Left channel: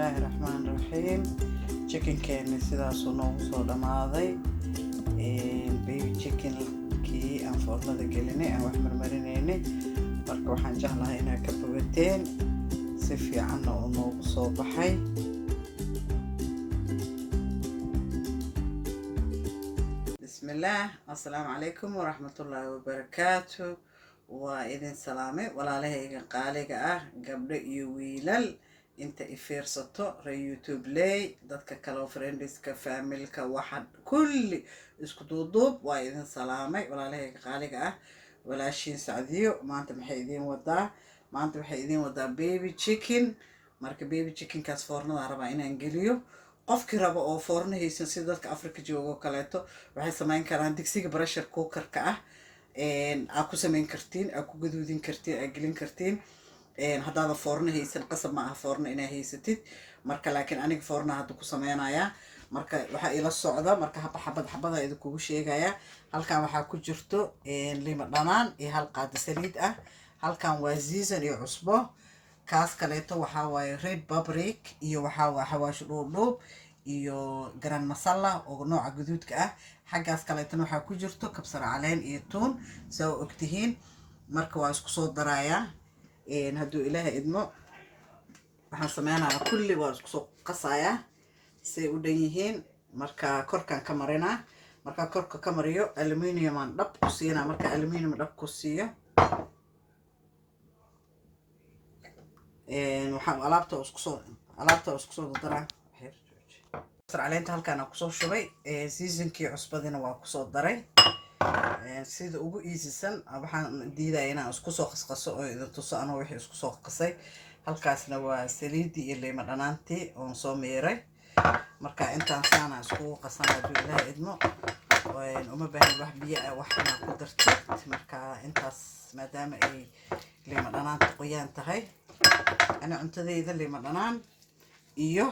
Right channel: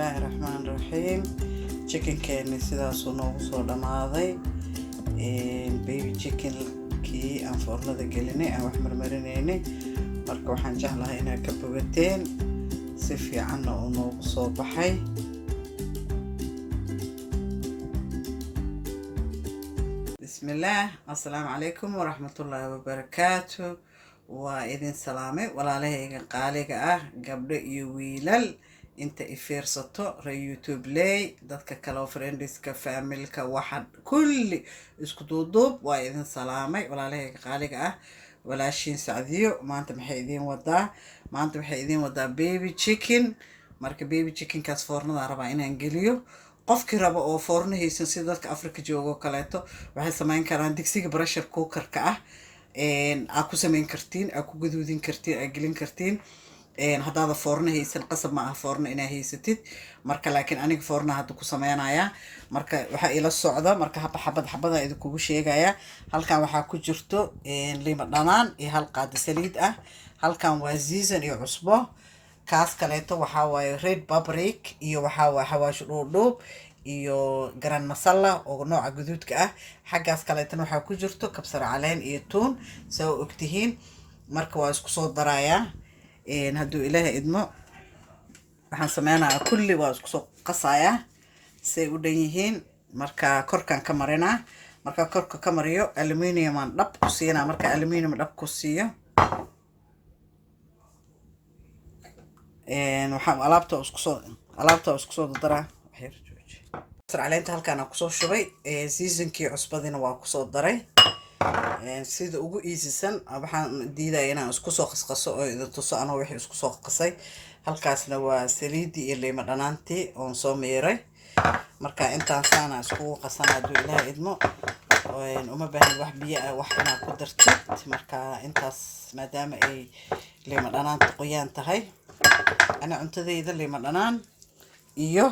Bismillaahi Raxmaani Raxiim. Chickenkeeni sidaasuu noogu soo dhamaaday. Baby chickenkii aan foornada gelinay aan wax marmarinaynay. Marka waxaan jeclahay inaad ka bogateen si fiicanna uu noogu soo baxay. Bismillaah, assalaamu calaykum waraxmatullaahi wabarakaatu. waa idin salaamay walaalahayga qaaliga ah, gabdho iyo wiilal inta i fiirsato reer YouTube lay, dadka kale friendska familka waxa kulli isku duuduub waa idin salaamay walaalahayga qaaliga ah. walaashiin Sacdiyo maanta maxay idin wadaa baby chicken. marka baby chicken kaas foornada rabaa inaan geliyo. qofkii raba oo foorno haysan sida dadka Afrika joogo kaleeto waxay samayn karaan digsiga pressure cooker-ka ah. aad ku samayn kartiin, aad ku gaduudin kartiin, aad gelin kartiin. haddaada foorno haysan qasab ma aha foorno inaa haysatid. marka laakiin aniga foorna hadda ku samaynayaa. marka waxaa ila socda marka xabada idinkugu sheegaya. halkan waxaa ku jirto lima dhanaan iyo hal qaado saliid ah. halkan waa season iyo cusbo. kaas kaleeto waxaa waaye red paprika iyo waxaa waaye xawaash dhuudhuub iyo garan masala oo nooca guduudka ah. xaggaas kaleetana waxaa ku jirto kabsar caleen iyo tuun saa ogtihiin. marka waa isku soo darayaa. hadduu ilaahay idmo waxaan sameynayaa kulli waa isku soo qasayaa say u dhan yihiin. marka korkaan ka marinaa. marka korka ka mariyo aluminium aan dhab ku siinaa. marka aluminium dhab ku siiyo waxaan alaabta isku soo daraa. kabsar caleenta halkaan aan kusoo shubay. seasonkii cusbadina waa kusoo daray. sida ugu iisisan waxaan diidaya inaan isku soo qasqaso oo idin tuso anoo wixii isku soo qasay. halkaasna waa saliidii iyo liima dhanaantii oon soo miiray. marka intaan saana iskugu qasana hadduu ilaahay idmo. uma baahan wax biyo ah wax inaad ku dartid. marka intaas maadaama ay liima dhanaanta qoyaan tahay, ana cuntadayda liima dhanaan iyo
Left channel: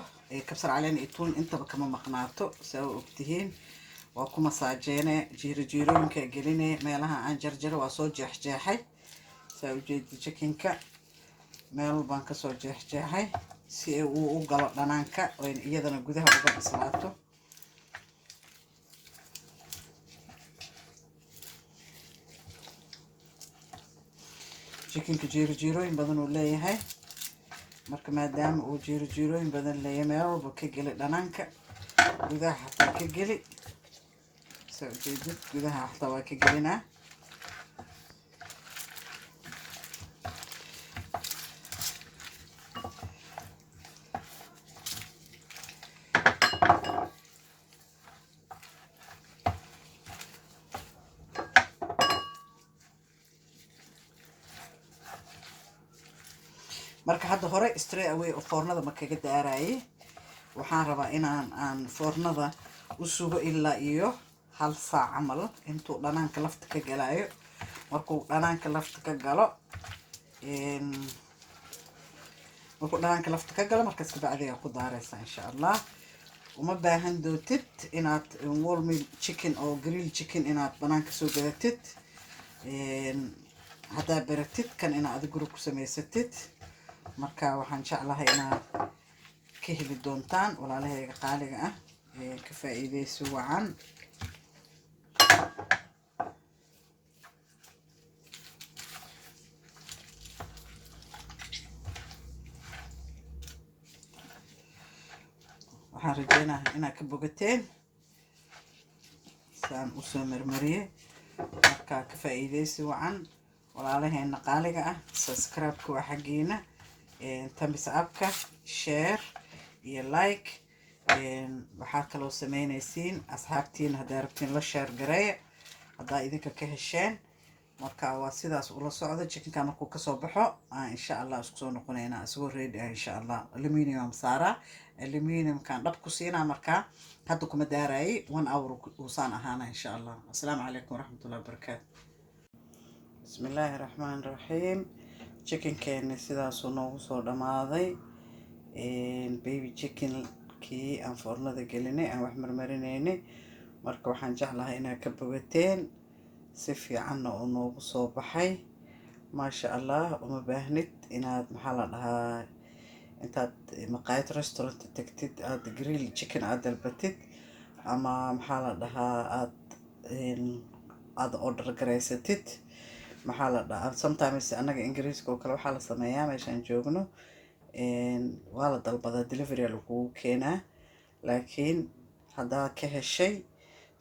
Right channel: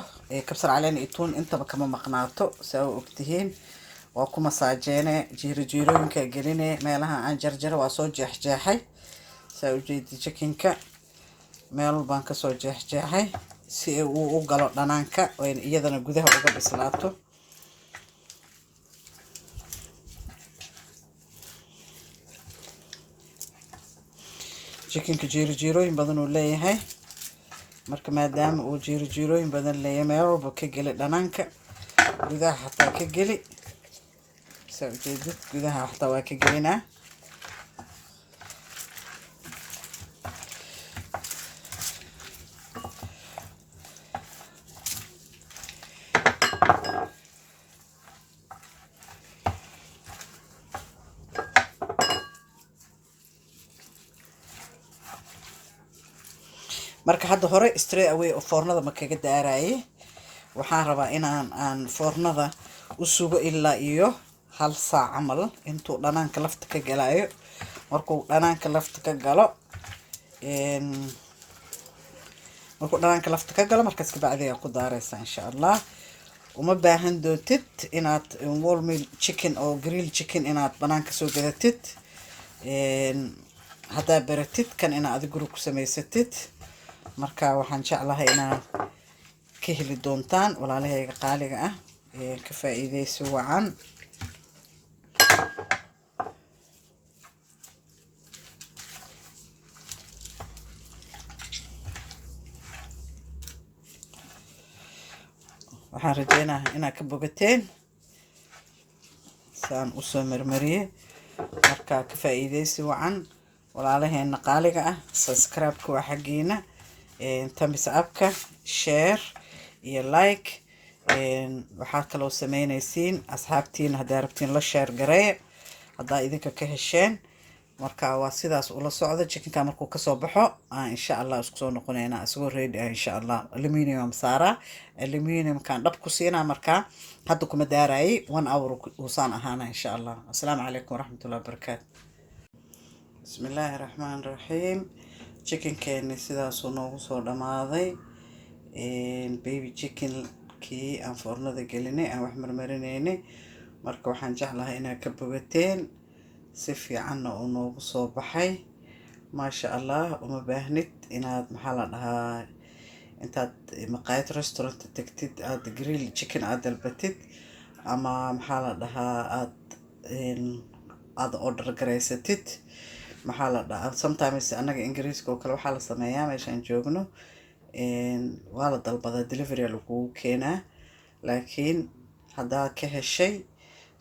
kabsar caleen iyo tuun intaba kama maqnaato saa u ogtihiin. waa ku masaajeene jiirooyinka geline meelaha aan jarjaro waa soo jeexjeexay saa u jeedi chickenka meel baan ka soo jeexjeexay si uu u galo dhanaanka oo iyadana gudaha uga bislaato. chickenka jiirooyin badan uu leeyahay. marka maadaama uu jiirooyin badan leeyahay meel walba ka geli dhanaanka, gudaha xataa ka geli saa ujeedid gudaha xataa waa ka gelinaa. marka hadda hore straight away oo foornada ma kaga daarayay. waxaan rabaa aan foornada u sugo ilaa iyo 1 saac camal intuu dhanaanka lafta ka galayo. markuu dhanaanka lafta ka galo markaas ka bacdi ayaa ku daaraysaa insha Allah. uma baahan doontid inaad whole meal chicken oo grill chicken inaad banaanka soo gadatid. haddaa baratid kan inaad adiga guri ku samaysatid. marka waxaan jeclahay inaad ka heli doontaan walaalahayga qaaliga ah. ka faa'iideyso wacan. waxaan rajeynayaa inaad ka bogateen saan u soo marmariyay. marka ka faa'iideyso wacan walaalaheena qaaliga ah. subscribe-ka waa xaggeena. thumbs up-ka, share iyo like. waxaa kaloo sameynaysiin asxaabtiin haddaa rabtiin la share gareeya haddaa idinka ka hesheen. marka waa sidaas ula socda. chickenka markuu kasoo baxo insha Allah isku soo noqonaynaa isagoo ready insha Allah. aluminium saaraa. aluminiumkan dhab ku siinaa. marka hadda kuma daarayay 1 hour uusaan ahaana insha Allah. assalaamu calaykum waraxmatullaahi wabarakaatu. bismillaahi raxmaani raxiim. chickenkeeni sidaasuu noogu soo dhamaaday. baby chickenkii aan foornada gelinay aan wax marmarinaynay. marka waxaan jeclahay inaad ka bogateen si fiicanna uu noogu soo baxay. maasha Allah. uma baahnid inaad maxaa la dhahaa intaad maqaayad restaurant tagtid aad grill chicken aad dalbatid ama maxaa la dhahaa aad order garaysatid maxaa la dhahaa sometimes anaga ingiriiska oo kale waxaa la sameeyaa meeshaan joogno waa la dalbadaa delivery lagugu keenaa laakiin haddaad ka heshay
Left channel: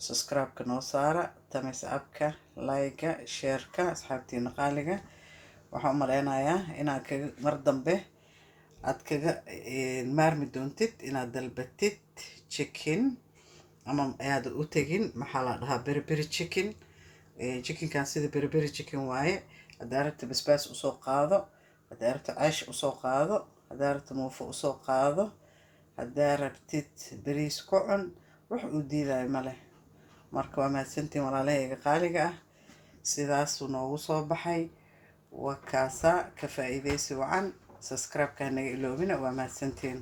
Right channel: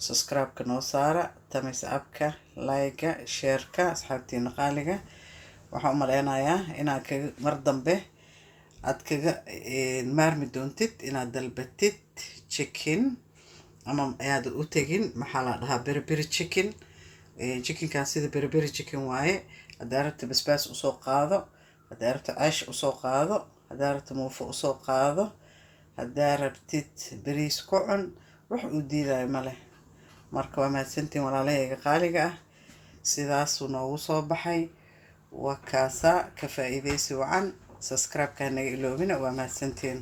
subscribe-ka noo saara thumbs up-ka like-ga share-ka asxaabtiina qaaliga waxaan u maleynayaa inaad kaga mar dambe aad kaga maarmi doontid inaad dalbatid chicken ama ayaad u tegin maxaa la dhahaa beriberi chicken chickenkan sida beriberi chicken waaye haddaa rabta basbaas usoo qaado haddaa rabta ceesh usoo qaado haddaa rabta muufo usoo qaado haddaa rabtid bariis ku cun wax uu diidayo ma leh marka waa mahadsantiin walaalahayga qaaliga ah sidaasuu noogu soo baxay waa kaasaa ka faa'iidaysi wacan subscribe-ka naga iloobina waa mahadsantiin